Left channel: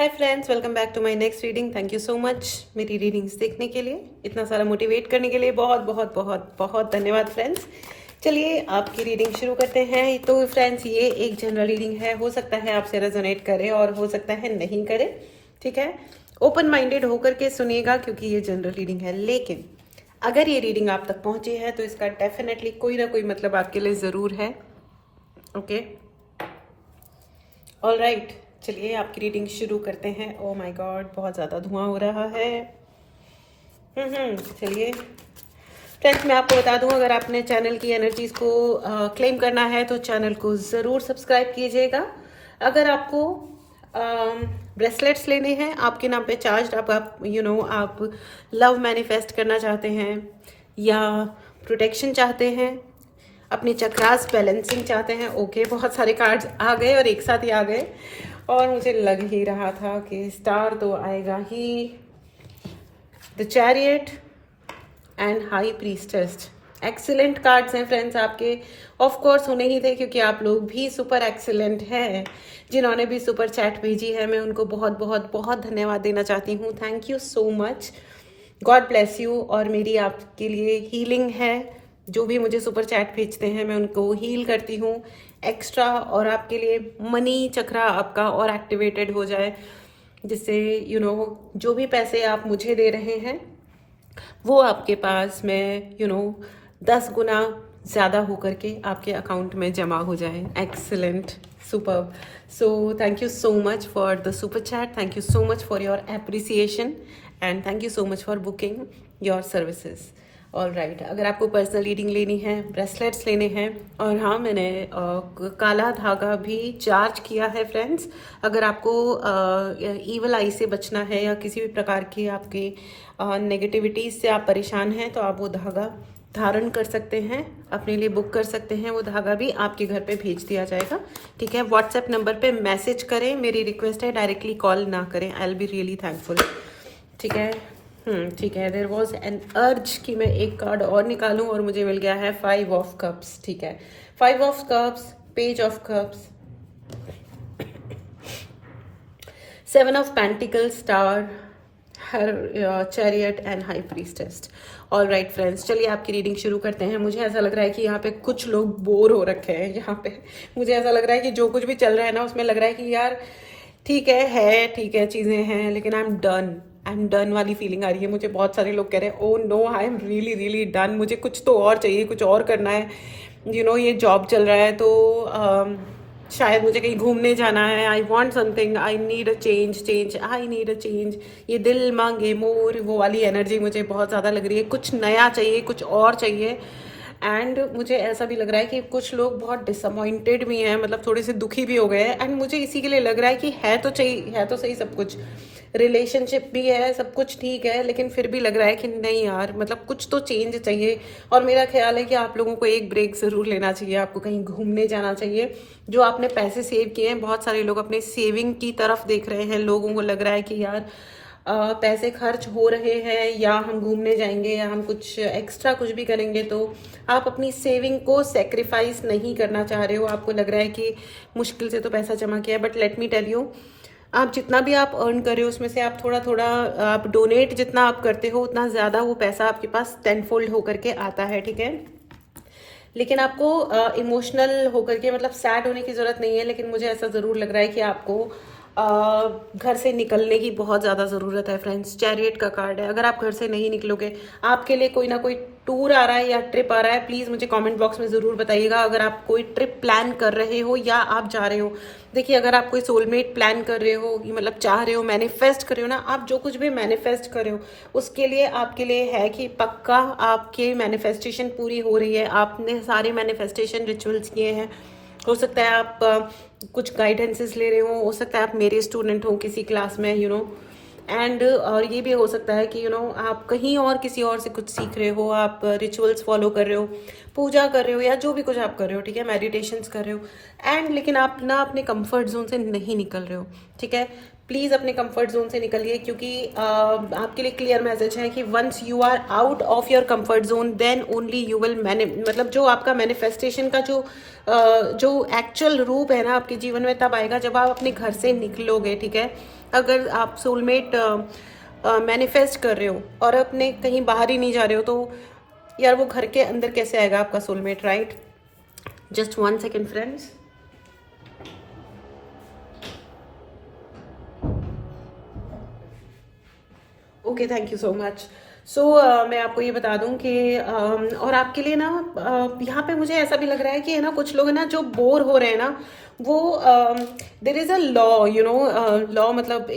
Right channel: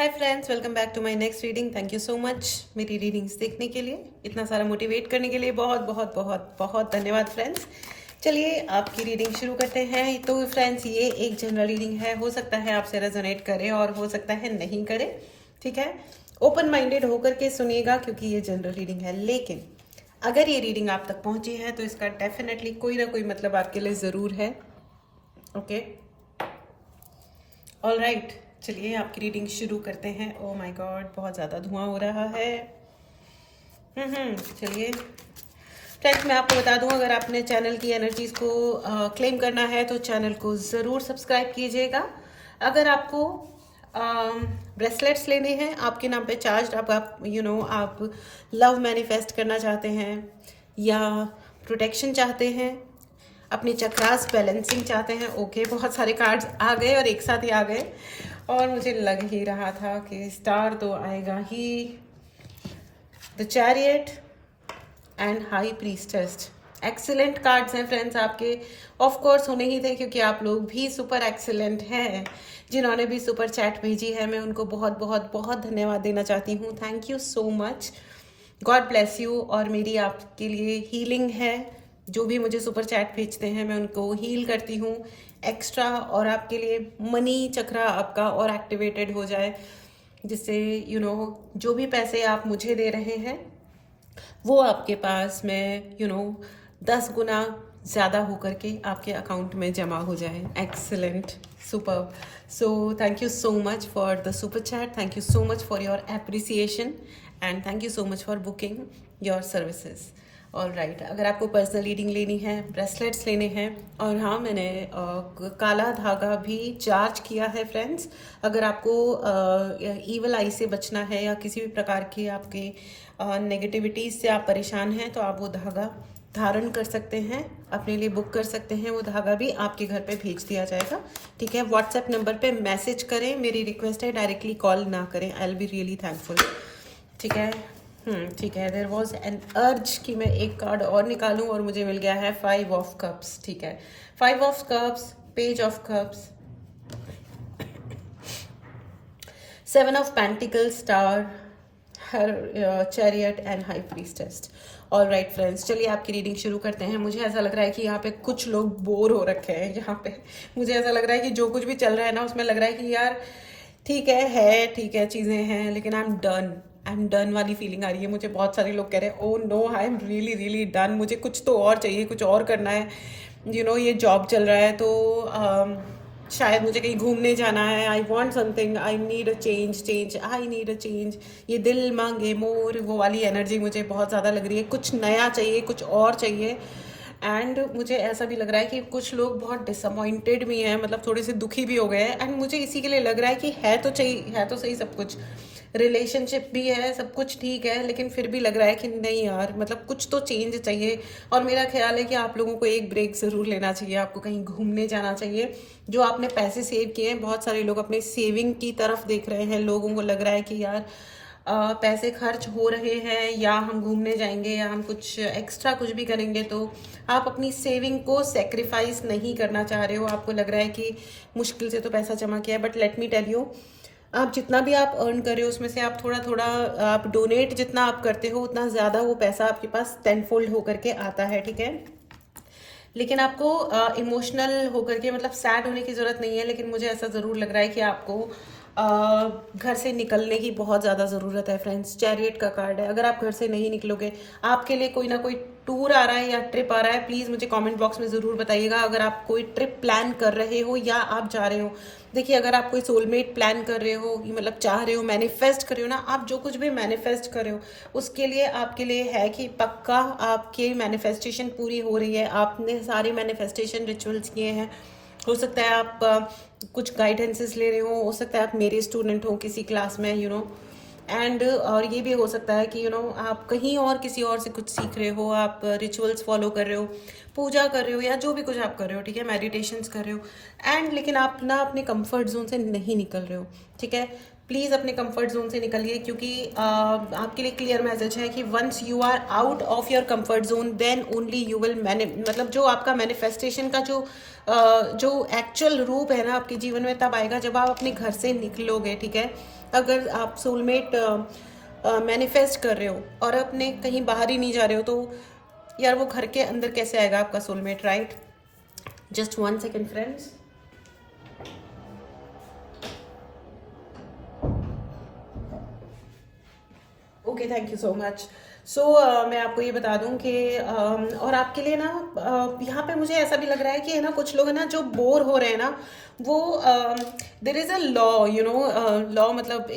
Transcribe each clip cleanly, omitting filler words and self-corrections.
Hi friends, welcome back to my next reading. Thank you so much मेरी readings देखने के लिए, इतना सारा मोटिवेट करने के लिए बहुत बहुत बहुत बहुत धन्यवाद फ्रेंड्स। चलिए आपकी रीडिंग शुरू करते हैं। तो फ्रेंड्स, ये एक जनरल रीडिंग है, हो सकता है आपसे रेजोनेट करे और हो सकता है नहीं करे, ठीक है। ओपन माइंडेड होकर के सुनिएगा क्योंकि ये जनरल रीडिंग है, लेकिन अगर ये रीडिंग आप तक पहुंची है तो इसका डेफिनेटली कोई ना कोई मतलब आपके लिए ज़रूर है। ओके, ऑल राइट, चलिए आपकी रीडिंग शुरू करते हैं। ओ माय गॉड, बहुत ज़्यादा धुआं हो रहा है। चलिए फ्रेंड्स, मैं आपको बता दूं, अगर आपने चैनल की एनर्जीज को क्लेम करना है तो चैनल को ज़रूर सब्सक्राइब कीजिएगा। अगर आपको ब्रेसलेट्स लेने हैं आपके नाम पे चार्ज, आप लव मैनिफेस्ट करना चाहते हैं या प्रोटेक्शन चाहते हैं, अपने चक्रास बैलेंसिंग चाहते हैं। ओके, बहुत सारे कार्ड्स आ गए और एक साथ ही आ गए और मुझे लग ही रहा था कि स्टार तो आएगा ही। The chariot and high priestess, excellent cards हैं फ्रेंड्स आपके। ऑफ कोर्स होने ही थे क्योंकि आप लोग भी सुपर एक्सीलेंट हैं। जिन्होंने भी सुपर चैट भेजी है मैं उनको बहुत बहुत बहुत धन्यवाद देना चाहती हूँ। Thank you so much, God bless you. और मेरी आपके लिए हीलिंग है, जो भी मुझे सुपर चैट भेजते हैं मैं उनको हील करती हूँ एक्स्ट्रा, और आपके लिए मनी चक्रा आपका और एक्टिवेटेड हो जाए, जिससे जो भी पैसे आप मुझे दे रहे हैं वो आपके पास में 10 गुना ज़्यादा होकर के आपके अकाउंट में जमा हो जाए। Excellent, super. So thank you so much for the super chat, thank you so much for your appreciation and thank you so much for booking your services. All right, अगर आपको पर्सनल रीडिंग लेनी है, bracelets लेने हैं, और हाँ, मैंने काला धागा भी चार्ज किया है फ्रेंड्स। अगर आपको ईवल आई से बचना है या किसी भी प्रकार की आपकी नेगेटिविटीज से आप परेशान हैं तो आप वो धागा धारण कर सकते हैं, अपने लिए बुक कर सकते हैं। वो धागा भी आपके घर पे भेज दिया जाएगा, ठीक है। व्हाट्सएप नंबर पे मैसेज करें, मेरी रिक्वेस्ट है डायरेक्टली कॉल ना करें। I will be really thankful, ठीक है। ठीक है। देयर वॉज एन अर्ज कि मैं एक कार्ड और निकालूं और मुझे मिल गया है 5 ऑफ कप्स, ठीक है। 5 of cups, page of cups, 7 of pentacle, star, chariot and high priestess. All right friends, चलिए आपकी रीडिंग शुरू करते हैं। मुझे ऐसा लग रहा है कि यहाँ पे कुछ लोग बोर हो रखे हैं। यहाँ पे मुझे ऐसा लग रहा है कि जो कुछ भी चल रहा है ना उसमें लग रहा है कि यार ठीक है चीज़ें हैं, लेकिन आई एम डन वाली फीलिंग आ रही है मुझे। बहुत सारे लोग कह रहे हैं oh no, I am really really done, मुझे कुछ तो और चाहिए, कुछ और करना है। ये जॉब चल रहा है तो शायद मुझे कहीं घूमने जाना है। I want something, I need a change, I need a change. ये दिल मांगे मोर, वो वाली एनर्जी मुझे बहुत ज़्यादा लग रही है। कुछ नया चाहिए, कुछ और चाहिए। एंड मुझे ऐसा भी लग रहा है कि कुछ लोग बहुत डिसअपॉइंटेड भी हैं, मतलब थोड़े से दुखी भी हो गए हैं। एंड मुझे इसी के लिए लग रहा है कि है तो सही सब कुछ, रिलेशनशिप भी है, सब कुछ ठीक है, लेकिन फिर भी लग रहा है कि नहीं यार, मतलब कुछ तो चेंज चाहिए। और मेरा ख्याल है कि आप लोगों को एक ब्रेक ज़रूर लेना चाहिए, आपको कहीं घूमने जाना चाहिए। जो आपने पैसे सेव किए हैं, बहुत सारे लोग अपने सेविंग की तरफ देख रहे हैं। लोगों को लग रहा है कि यार पैसे खर्च हो रहे हैं, या हम घूमने जाएंगे या हम कुछ एक्स्ट्रा कुछ भी करेंगे, तो आप अपनी सेविंग को सेक्रीफाइस नहीं करना चाह रहे हो। आपको लग रहा है कि मुश्किल से तो पैसा जमा किया है, but let me tell you, आप जितना भी आप अर्न कर रहे हो उसमें से आप थोड़ा थोड़ा आप डोनेट जितना आप करते हो उतना ज़्यादा वो पैसा आपके पास 10-fold होकर के आता है, ठीक है। लेकिन आपको इमोशनल होकर के, मतलब सैड होने की ज़रूरत नहीं है, लेकिन मुझे ऐसा ज़रूर लग रहा है कि आपको घर से निकलने की बहुत ज़्यादा ज़रूरत है फ्रेंड्स। चैरियट का कार्ड है, अगर आप घर से नहीं निकलोगे, आपके लिए कोई ना कोई टूर आ रहा है या ट्रिप आ रहा है, प्लीज़ मुझे कमेंट बॉक्स में ज़रूर बताइएगा। अगर आप कोई ट्रिप प्लान कर रहे हो या आप जा रहे हो, देखिए अगर आप कोई सोलमेट प्लान कर रहे हो, मतलब चाह रहे हो, मैनिफेस्ट कर रहे हो ना, आप जो कुछ भी मैनिफेस्ट कर रहे हो उसके लिए आपके लिए है कि पक्का आपके मैनिफेस्टेशन पूरी हो रही है। आपने सारे मैनिफेस्टेशन रिचुअल्स किए हैं। हो सकता है आप कुछ गाइडेंसेस ले रहे हो सकता है आप मेरे स्टूडेंट हो किसी क्लास में, एंड और ये भी हो सकता है कि आप कहीं और किसी और से कुछ सीख रहे हो, आप रिचुअल्स फॉलो कर रहे हो, पूजा कर रहे हो, या जो भी कुछ आप कर रहे हो, ठीक है, मेडिटेशंस कर रहे हो, एंड लेकिन आप ना अपने कंफर्ट जोन से नहीं निकल रहे हो, ठीक है। प्लीज़ अपने कंफर्ट जोन से निकलिए, क्योंकि आपके लिए क्लियर मैसेज है कि once you are out of your comfort zone then only you will मतलब जो आपका मैनिफेस्टेशन का जो एक्चुअल रूप है ना आपके जीवन में तब आएगा जब आप अपने घर से निकलोगे, ठीक है। अगर आप सोलमेट मैनिफेस्ट कर रहे हो और अपने कहीं बाहर ही नहीं जा रहे हो, तो यार वो घर के अंदर कैसे आएगा आपका soulmate, right? Just 1 second friends. Okay, thank you so much. So मैं आपको ये बता दूं कि और आपके लिए ना यहाँ पे मुझे ऐसा भी लग रहा है कि है ना कुछ लोग है ना जो बोर हो रहे हैं ना, वो there is a law, you know. Law मतलब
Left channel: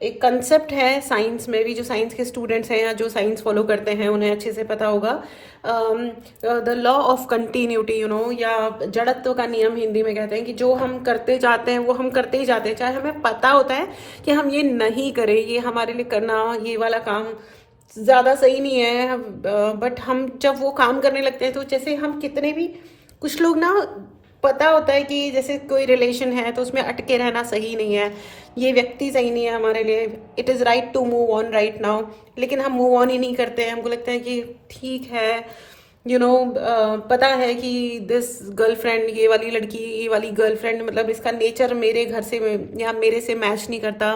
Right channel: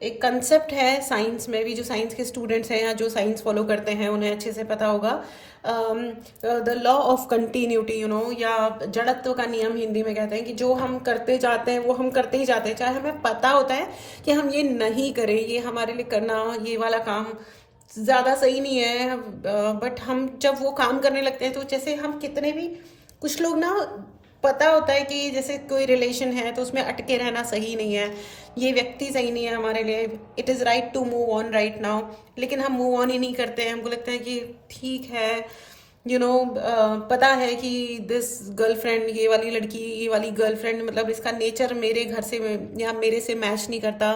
एक कंसेप्ट है साइंस में भी, जो साइंस के स्टूडेंट्स हैं या जो साइंस फॉलो करते हैं उन्हें अच्छे से पता होगा। The law of continuity, you know, या जड़त्व का नियम हिंदी में कहते हैं कि जो हम करते जाते हैं वो हम करते ही जाते हैं, चाहे हमें पता होता है कि हम ये नहीं करें, ये हमारे लिए करना ये वाला काम ज़्यादा सही नहीं है, बट हम जब वो काम करने लगते हैं तो जैसे हम कितने भी, कुछ लोग ना पता होता है कि जैसे कोई रिलेशन है तो उसमें अटके रहना सही नहीं है, ये व्यक्ति सही नहीं है हमारे लिए, it is right to move on right now, लेकिन हम मूव ऑन ही नहीं करते हैं। हमको लगता है कि ठीक है, यू नो, पता है कि दिस गर्लफ्रेंड, ये वाली लड़की, ये वाली गर्लफ्रेंड, मतलब इसका नेचर मेरे घर से या मेरे से मैच नहीं करता,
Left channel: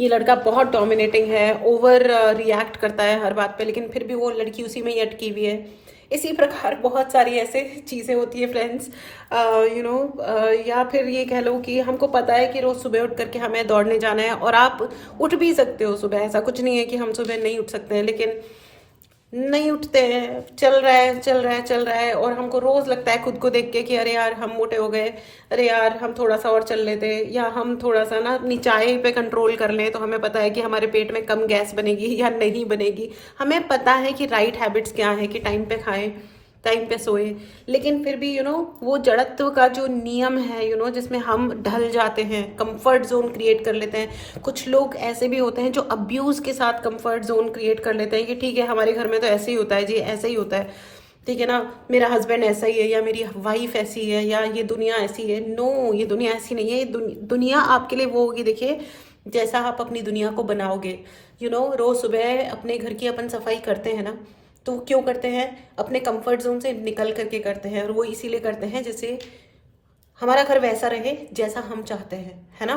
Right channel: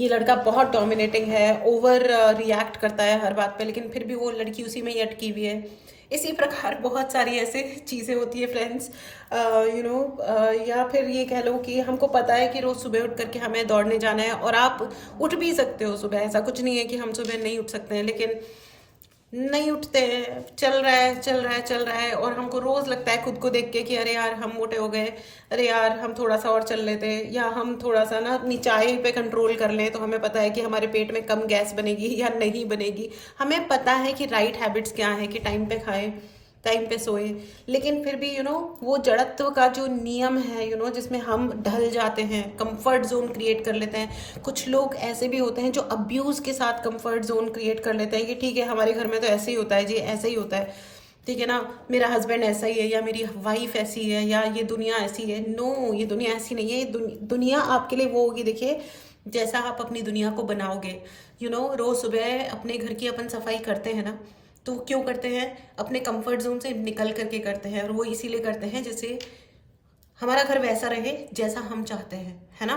ये लड़का बहुत डोमिनेटिंग है, ओवर रिएक्ट करता है हर बात पे, लेकिन फिर भी वो लड़की उसी में ही अटकी हुई है। इसी प्रकार बहुत सारी ऐसे चीज़ें होती है फ्रेंड्स, यू नो। या फिर ये कह लो कि हमको पता है कि रोज़ सुबह उठ करके हमें दौड़ने जाना है, और आप उठ भी सकते हो सुबह, ऐसा कुछ नहीं है कि हम सुबह नहीं उठ सकते हैं, लेकिन नहीं उठते हैं, चल रहा है चल रहा है चल रहा है, और हमको रोज लगता है खुद को देख के कि अरे यार हम मोटे हो गए, अरे यार हम थोड़ा सा और चल लेते, या हम थोड़ा सा ना निचाई पे कंट्रोल कर लें, तो हमें पता है कि हमारे पेट में कम गैस बनेगी या नहीं बनेगी। हमें पता है कि राइट हैबिट्स क्या है, कि टाइम पे खाएं, टाइम पे सोए, लेकिन फिर भी यू नो वो जड़त्व का जो नियम है, यू नो, जिसमें हम ढल जाते हैं, कंफर्ट जोन क्रिएट कर लेते हैं। कुछ लोग ऐसे भी होते हैं जो अब्यूज के साथ कंफर्ट जोन क्रिएट कर लेते हैं कि ठीक है हमारे घर में तो ऐसे ही होता है जी, ऐसा ही होता है, ठीक है ना, मेरा हस्बैंड ऐसा ही है, या मेरी वाइफ ऐसी है, या ये दुनिया ऐसी है। नो, ये दुनिया ऐसी नहीं है। ये दुनिया आपके लिए वो होगी, देखिए, जैसा आप अपनी दुनिया को बनाओगे। यू नो, रोज सुबह अपने घर की अपन सफाई करते हैं ना, तो क्यों करते हैं? अपने कंफर्ट जोन से निकल करके करते हैं, और वो इसीलिए करते हैं जैसे हमारा घर वैसा रहे जैसा हम चाहते हैं, है ना।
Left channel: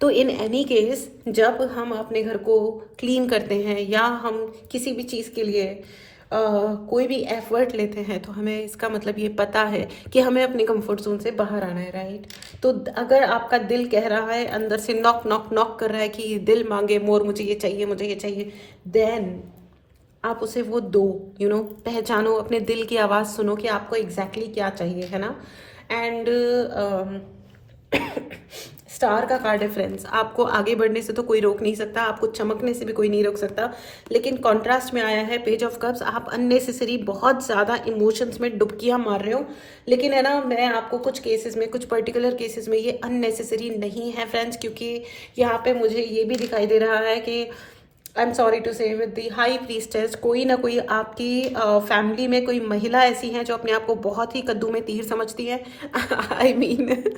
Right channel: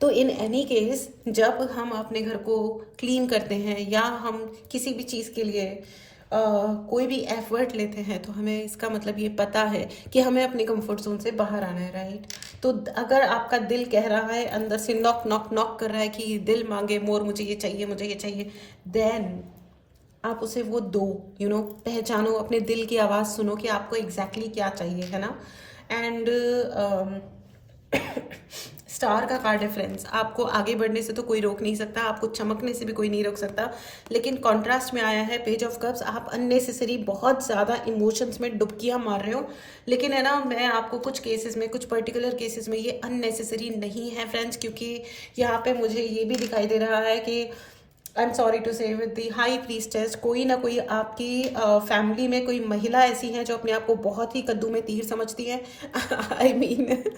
तो इन एनी केस जब हम अपने घर को क्लीन करते हैं या हम किसी भी चीज़ के लिए कोई भी एफर्ट लेते हैं, तो हमें इसका मतलब ये पता है कि हमें अपने कंफर्ट जोन से बाहर आना है, राइट। तो अगर आपका दिल कह रहा है, अंदर से नॉक नॉक नॉक कर रहा है कि दिल मांगे मोर, मुझे ये चाहिए, मुझे ये चाहिए, देन आप उसे वो दो, यू नो, पहचानो, अपने दिल की आवाज़ सुनो कि आपको एग्जैक्टली क्या चाहिए, है ना। एंड स्टार का कार्ड है फ्रेंड्स, आपको आगे बढ़ने से तो कोई रोक नहीं सकता, आपको चमकने से भी कोई नहीं रोक सकता, लेकिन कॉन्ट्रास्ट में आया है पेज ऑफ कप्स। आप अननेसेसरी बहुत ज़्यादा इमोशंस में डुबकियां मार रहे हो, लेकिन है ना, मैं आपको कुछ केसेस में, कुछ पर्टिकुलर केसेस में ये अननेसेसरी नहीं है फ्रेंड्स, क्योंकि यहाँ पे मुझे ये भी दिखाई दे रहा है कि आई एम सॉरी टू से विद दी हाई प्रीस्टेस, कोई ना कोई आपकी फैमिली में कोई महिला ऐसी है जो अपने आप को बहुत ही कद्दू में तीर समझती है। आई मीन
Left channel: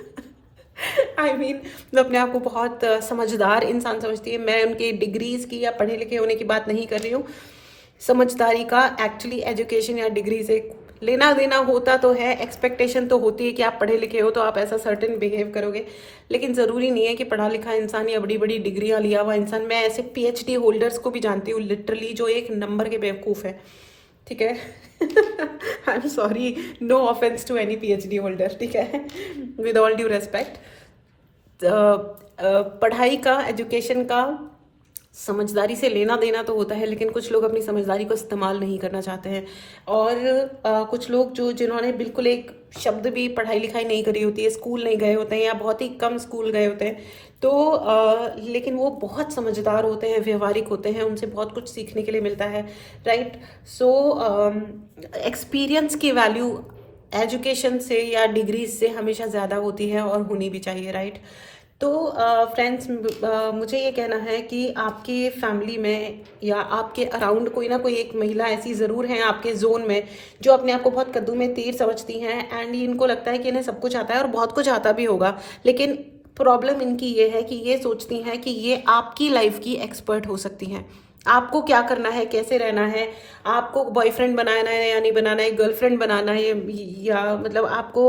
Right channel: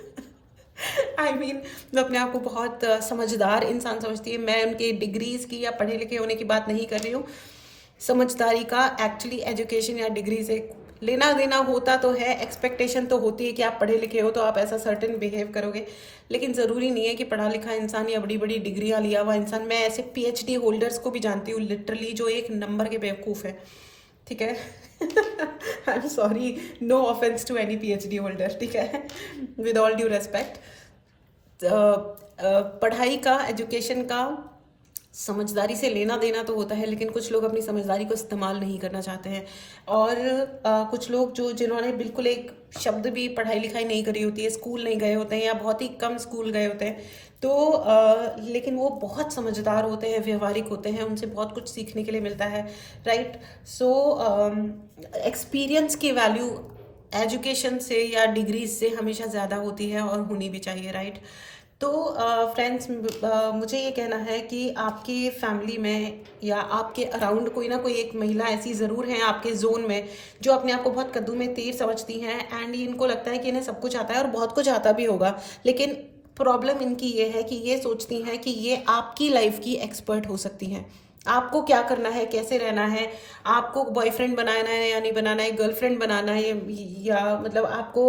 वो अपने आप को बहुत समझदार इंसान समझती है। मैं उनके डिग्रीज की या पढ़े लिखे होने की बात नहीं कर रही हूँ। समझदारी का एक्चुअली एजुकेशन या डिग्री से लेना देना होता तो है, एक्सपेक्टेशन तो होती है कि आप पढ़े लिखे हो तो आप ऐसा सर्टेन बिहेव करोगे, लेकिन ज़रूरी नहीं है कि पढ़ा लिखा इंसान या बड़ी बड़ी डिग्रियां लिया हुआ इंसान। मैं ऐसे PhD होल्डर्स को भी जानती हूँ लिटरली, जो एक नंबर के बेवकूफ़ है, ठीक है। I am sorry, no offence to any PhD holder, ठीक है, विद ऑल ड्यू रेस्पेक्ट। पढ़ाई का, एजुकेशन का, समझदारी से लेना देना तो होता है, लेकिन कुछ लोग अपनी समझदारी को इस्तेमाल नहीं करना चाहते हैं, और कुछ लोग जिन्होंने बिल्कुल एक शब्द भी पढ़ाई लिखाई नहीं करी होती है, स्कूल नहीं गए होते हैं या बहुत ही कम स्कूल गए होते हैं, तो लेकिन वो बहुत समझदार होते हैं, व्यवहारिक होते हैं, उनसे बहुत कुछ सीखने के लिए मिलता है, राइट। सो एक्सपीरियंस की वैल्यू एजुकेशन से या डिग्री से हमेशा ज़्यादा होती है और होनी भी चाहिए, राइट। तो फ्रेंड्स, मुझे ये कहना है कि आपके फैमिली में या आपके अराउंड कोई ना कोई एक महिला ऐसी ज़रूर है आपके जोन में जो अपने आप को बहुत कद्दू में तीर समझती हैं, एंड इनको लगता है कि इन्हें सब कुछ आता है, और बहुत कुछ आता भी होगा, लेकिन प्रॉब्लम इनकी ये है कि ये सोचती हैं कि ये आपकी लाइफ की एक्सपर्ट हो सकती हैं। आपको क्या करना है, कैसे रहना है, आपको बॉयफ्रेंड बनाना है या नहीं बनाना है, गर्लफ्रेंड बनाना है या मतलब आपको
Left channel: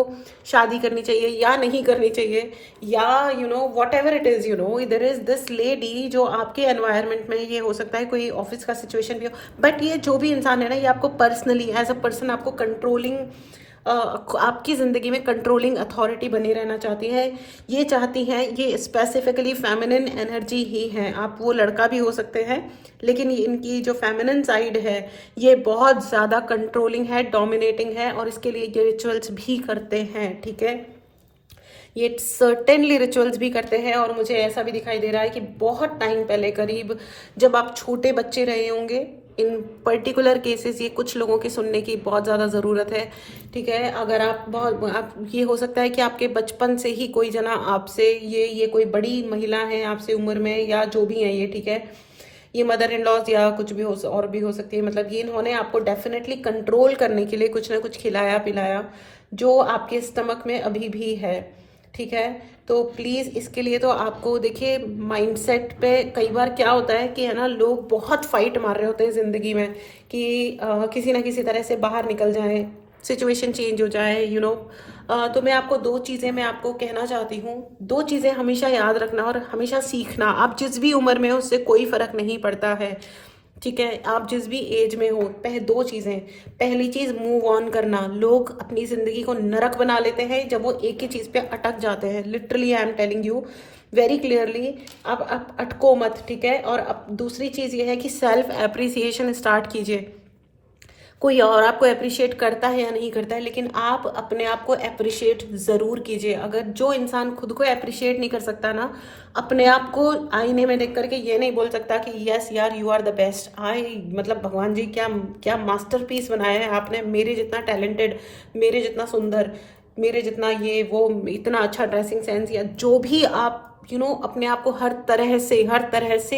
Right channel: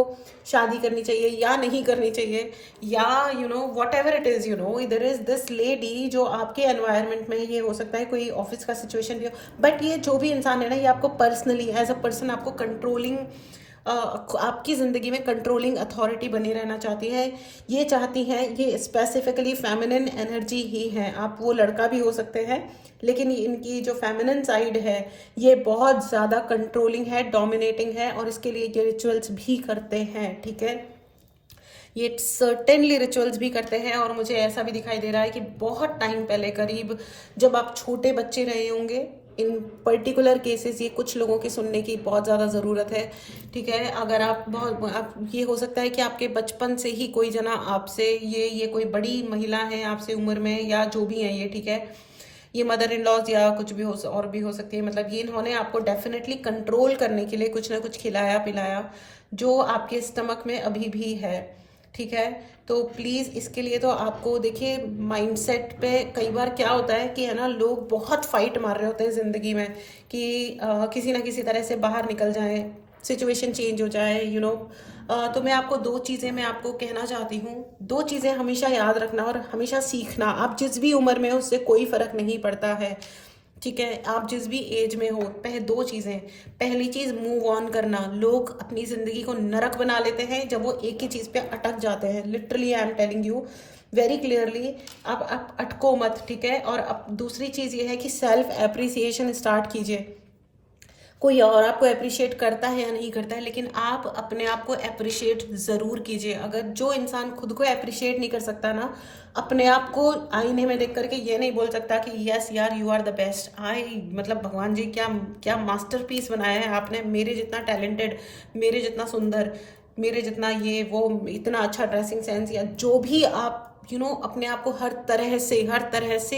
शादी करनी चाहिए या नहीं करनी चाहिए, या you know whatever it is, you know there is this lady जो आपके एनवायरनमेंट में, ये हो सकता है कोई ऑफिस का सिचुएशन भी हो, बट ये जो भी इंसान है ना, ये आपको पर्सनली एज अ पर्सन आपको कंट्रोलिंग, आपकी ज़िंदगी में कंट्रोलिंग अथॉरिटी बने रहना चाहती है। ये चाहती है, ये स्पेसिफिकली फेमिनिन एनर्जी ही है। आप वो लड़का भी हो सकते हैं, लेकिन इनकी जो फेमिनिन साइड है ये बहुत ज़्यादा कंट्रोलिंग है, डोमिनेटिंग है, और इसके लिए ये रिचुअल्स भी करते हैं, ठीक है। ये सर्टेनली रिचुअल्स भी करते हैं, और मुझे ऐसा भी दिखाई दे रहा है कि बहुत टाइम पहले, करीब जब आप छोटे बच्चे रहे होंगे, इन पर्टिकुलर केसेस ये कुछ लोगों की सुनने की बहुत ज़्यादा ज़रूरत है, ठीक है। अगर आप ये हो सकता है कि आपके बचपन से ही कोई जना आपसे, ये कोई बड़ी महिला है आपसे उम्र में, या जो भी है ये, ठीक है, ये मदर इन लॉज या कुछ भी हो, और भी हो सकती है, मतलब ये इन्होंने आपको डेफिनेटली कंट्रोल करने के लिए कुछ ना कुछ खिलाया पिलाया जो आपके स्टमक में अभी भी है, ठीक है। तो प्लीज़ इसके लिए तो आपको देखिए, माइंडसेट पे कई बार क्या होता है कि है ना, लोग बहुत फाइट मार रहे होते हैं ज़िंदगी में कि किसी ना किसी तरह से बाहर निकल जाए, सिचुएशन चेंज हो जाए, यू नो। तो मैं आपको दो चीज़ें मैं आपको कहना चाहती हूँ, दो चीज़ें हमेशा याद रखना और हमेशा सीखना। आप जिस भी उम्र में हो उससे कोई फ़र्क नहीं पड़ता है, ठीक है। आप जिस भी एज में हो, पहले दो चीज़ें, पहली चीज़ मूव ऑन करना। लोग अपनी ज़िंदगी को नरक बना लेते हैं जब वो एक ही चीज़ पे अटक जाते हैं। Literally I am telling you very clearly, आप अटको मत, ठीक है। और अब दूसरी चीज़ ये है कि सेल्फ एप्रिसिएशन स्टार्ट कीजिए। कोई और आपको अप्रिशिएट करता है या नहीं करता है, लेकिन आप अपने आप को अप्रिशिएट ज़रूर कीजिए। अगर जो इंसान खुद को अप्रिशिएट नहीं कर सकता ना, अपने आप को आईने में देख करके ये नहीं बोल सकता कि यस यार यू आर द बेस्ट, मतलब भगवान जी क्या क्या मास्टरपीस बनाया है आपने, मेरे जितना टैलेंटेड, मेरे जितना सुंदर, मेरे जितना ये वो, इतना अच्छा ड्रेसिंग सेंस, या जो भी आप अपने आप को हर तरह से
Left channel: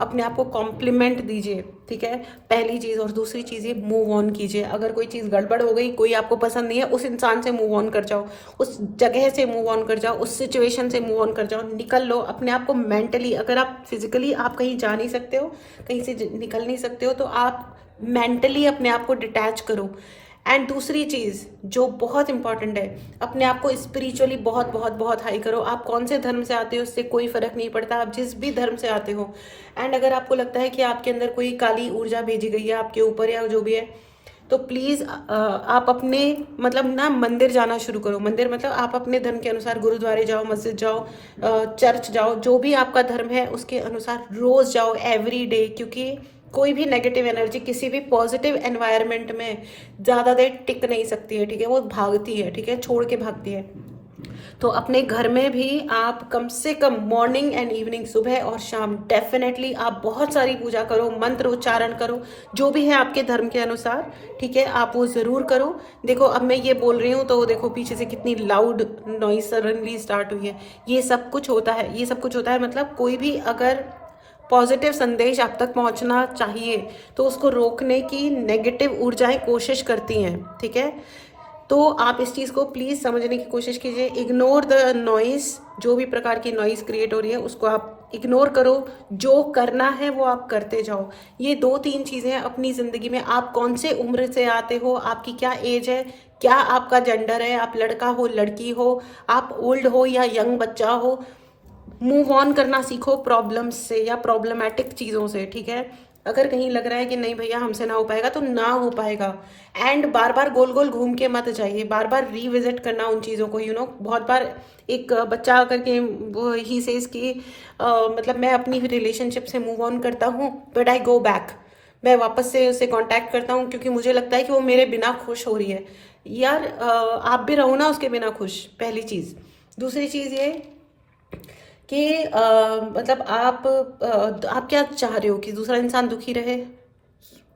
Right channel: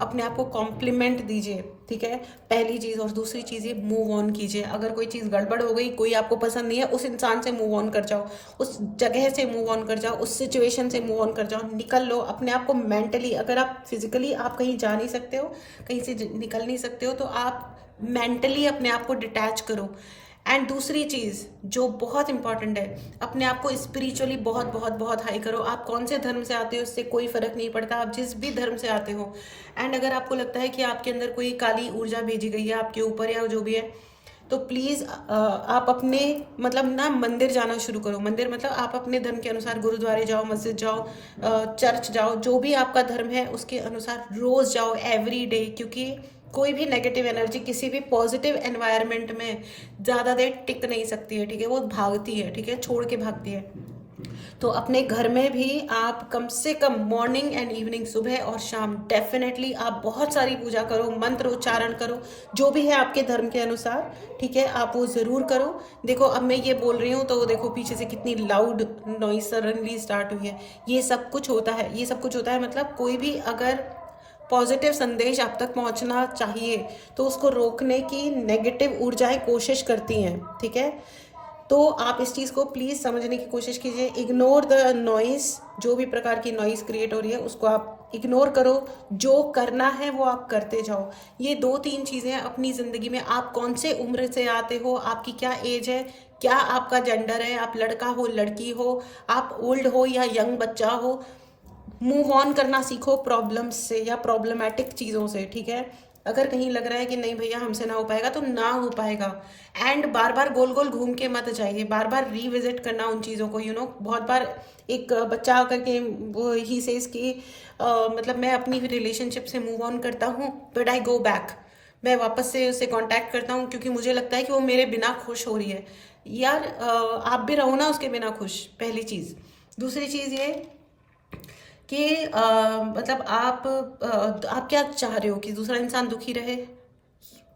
अपने आप को कॉम्प्लीमेंट दीजिए, ठीक है, पहली चीज़। और दूसरी चीज़, ये मूव ऑन कीजिए। अगर कोई चीज़ गड़बड़ हो गई, कोई आपको पसंद नहीं है, उस इंसान से मूव ऑन कर जाओ, उस जगह से मूव ऑन कर जाओ, उस सिचुएशन से मूव ऑन कर जाओ, निकल लो अपने आप को मेंटली। अगर आप फिजिकली आप कहीं जा नहीं सकते हो, कहीं से निकल नहीं सकते हो, तो आप मेंटली अपने आप को डिटैच करो। एंड दूसरी चीज़ जो बहुत इंपॉर्टेंट है, अपने आप को स्पिरिचुअली बहुत बहुत बहुत हाई करो। आप कौन से धर्म से आते हो उससे कोई फ़र्क नहीं पड़ता, आप जिस भी धर्म से आते हो। एंड अगर आपको लगता है कि आपके अंदर कोई काली ऊर्जा भेजी गई है आपके ऊपर या जो भी है, तो प्लीज़ आप अपने मतलब ना मंदिर जाना शुरू करो। मंदिर मतलब आप अपने धर्म के अनुसार गुरुद्वारे जाओ, मस्जिद जाओ, चर्च जाओ, जो भी आपका धर्म है उसके अनुसार रोज़ जाओ, एवरी डे। क्योंकि कोई भी नेगेटिव एनर्जी किसी भी पॉजिटिव एनवायरनमेंट में ज़्यादा देर टिक नहीं सकती है, ठीक है, वो भागती है, ठीक है, छोड़ के भागती है। तो अपने घर में भी आप कम से कम मॉर्निंग एंड इवनिंग, सुबह और शाम, डेफिनेटली आप बहुत सारी पूजा करो, मंत्र उच्चारण करो, जो भी है आपके धर्म के अनुसार, ठीक है, आप वो ज़रूर करो। देखो अब मैं ये बोल रही हूँ तो देखो पीछे से कितनी लाउड नॉइस सडनली स्टार्ट हुई है। ये सब कुछ होता है, ये सब कुछ होता है, मतलब कोई भी अगर पॉजिटिव संदेश आप तक पहुंचना चाहिए तो उसको रोकने की नेगेटिव ऊर्जाएं कोशिश करती हैं, ठीक है। तो आप इस चीज़ को प्लीज़ समझने की कोशिश कीजिए। इग्नोर द नॉइस, जो भी प्रकार की नॉइस क्रिएट हो रही है उसको आप इग्नोर करो, जो करना है वो आप करते जाओ। ये दो तीन चीज़ें अपनी ज़िंदगी में, आप कौन से उम्र से आते हो, आपकी क्या एज है, क्या आपका जेंडर है, आप लड़का हो लड़की हो, आप ओल्ड हो या यंग बच्चा हो, मूव ऑन करना सीखो प्रॉब्लम्स से या प्रॉब्लमेटिक चीज़ों से, ठीक है। अगर कहीं लग रहा है कि नहीं भैया हमसे ना हो पाएगा, तो ना हो पाएगा। एंड बार बार गोल गोल घूम के मत जाइए, बार बार रीविजिट करना उन चीज़ों को, बहुत बार एक बच्चा आकर के वो ही सेज कि मतलब मैं अपनी रिलेशनशिप से मूव ऑन करता हूँ, बट आई गो बैक, मैं वापस से उससे कांटेक्ट करता हूँ क्योंकि मुझे लगता है कि वो मेरे बिना खुश हो रही है। यार आप भी रहो ना उसके बिना खुश, पहली चीज़। दूसरी चीज़ ये कि मतलब आप क्या चाह रहे हो कि दूसरा इंसान दुखी रहे?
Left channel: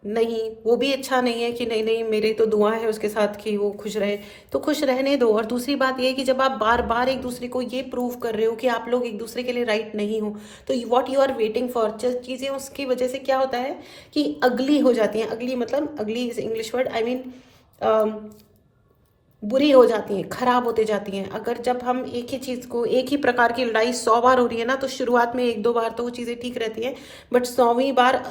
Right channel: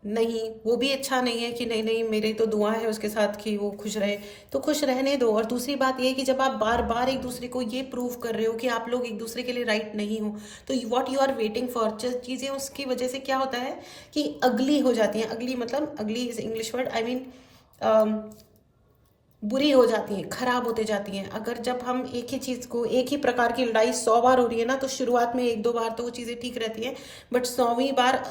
नहीं, वो भी अच्छा नहीं है कि नहीं नहीं मेरी तो दुआ है उसके साथ कि वो खुश रहे, तो खुश रहने दो। और दूसरी बात ये है कि जब आप बार बार एक दूसरे को ये प्रूव कर रहे हो कि आप लोग एक दूसरे के लिए राइट नहीं हो, तो what you are waiting for, चीज़ें उसकी वजह से क्या होता है कि अगली हो जाती हैं। अगली मतलब, अगली is English word, I mean बुरी हो जाती हैं, खराब होते जाती हैं। अगर जब हम एक ही चीज़ को, एक ही प्रकार की लड़ाई 100 बार हो रही है ना, तो शुरुआत में 1-2 बार तो वो चीज़ें ठीक रहती हैं, बट 100वीं बार